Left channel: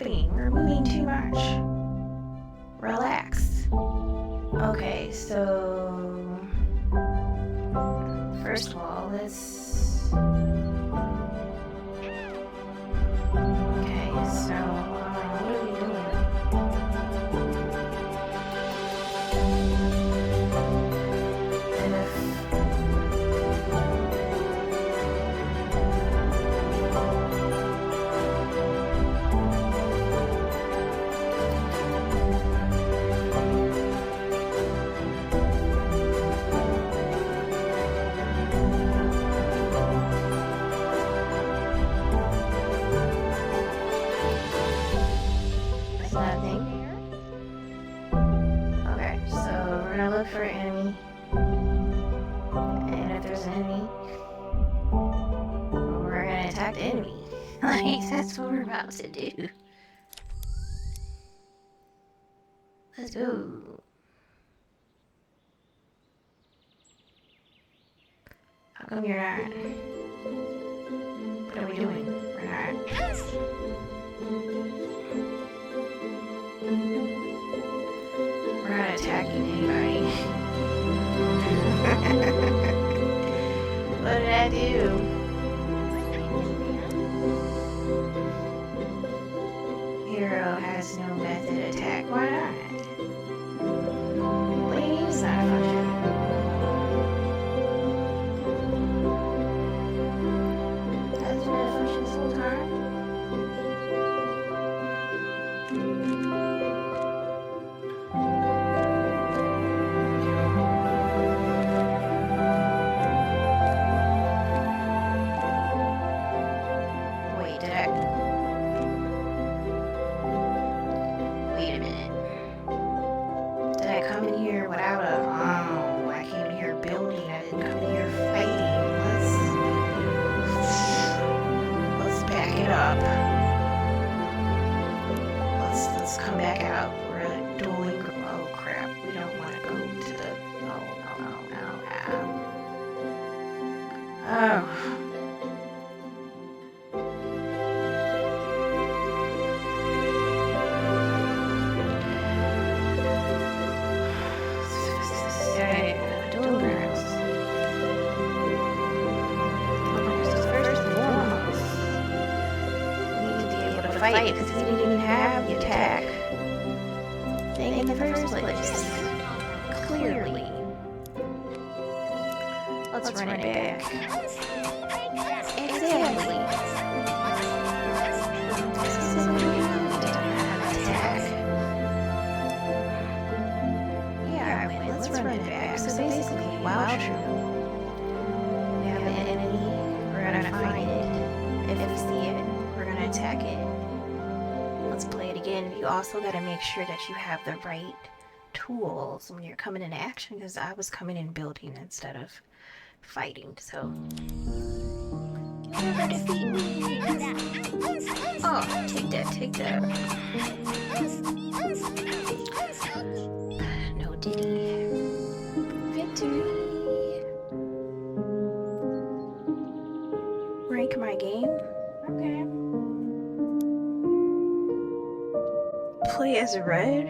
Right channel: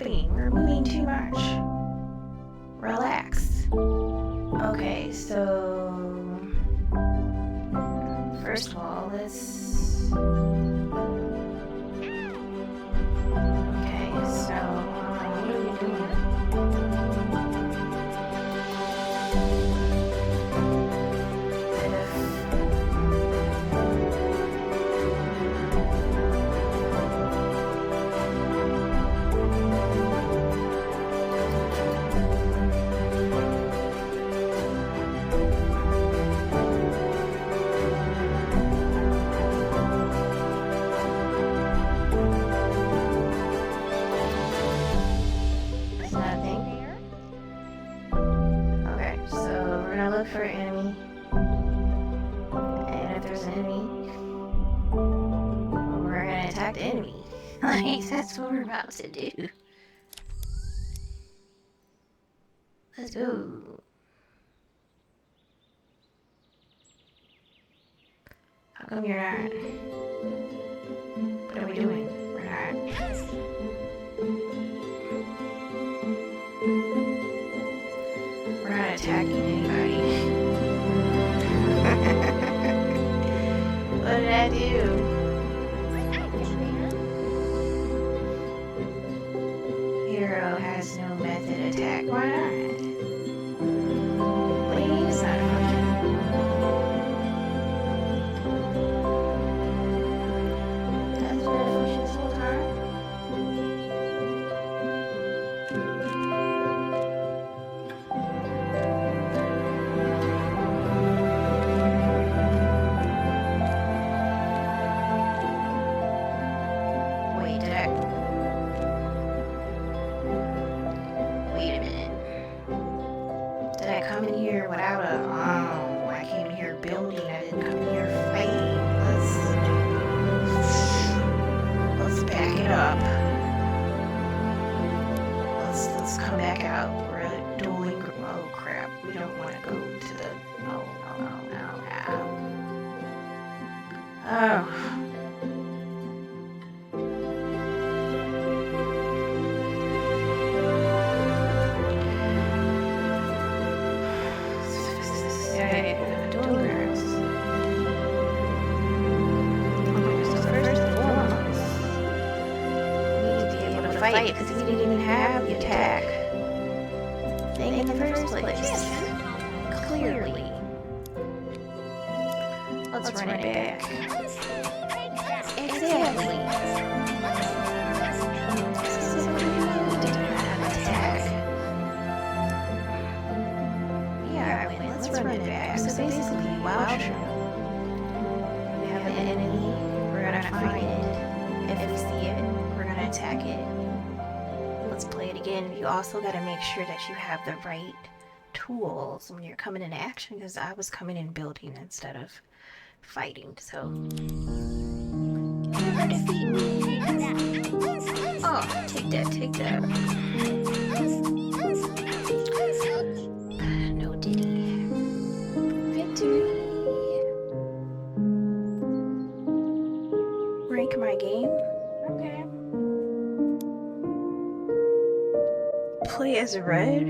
happening? We're moving too much. Relax. Okay, so... First of all, let's... Okay, so... what are we doing? Look for an enemy, and if there's an enemy, we're gonna attack the enemy. Like, that's what we're about to do. Let's go. How come you're not? What are we doing? We're not. We're not attacking anybody. What did I do? Hero has no method attack. Why not? Please, not a function. Hasn't been a function this whole time? Wait a minute. Did I come in here without a... Oh, I came in here building. I didn't come in here fighting. Let's back it up. Let's come back out. We're at Dueling Grounds. Oh crap. We don't want to go to the... No. Oh. Dueling Grounds. Okay, so first and foremost, we need to be able to fight because we didn't even have the attack thing in the first place. Clearly. Let's run it back. Exactly. This is what we need to have an attack. Let's run it back. So basically, wow, true. We have an enemy, we're gonna find it. If we see it, we're gonna attack it. Let's play it again. You also gotta make sure that you have the right tools when you're coming into action, because I was coming in building instead of fighting, so... Never defeat me! Oh, take that. No diddy. Victory! Rank my game? Okay. Play as red?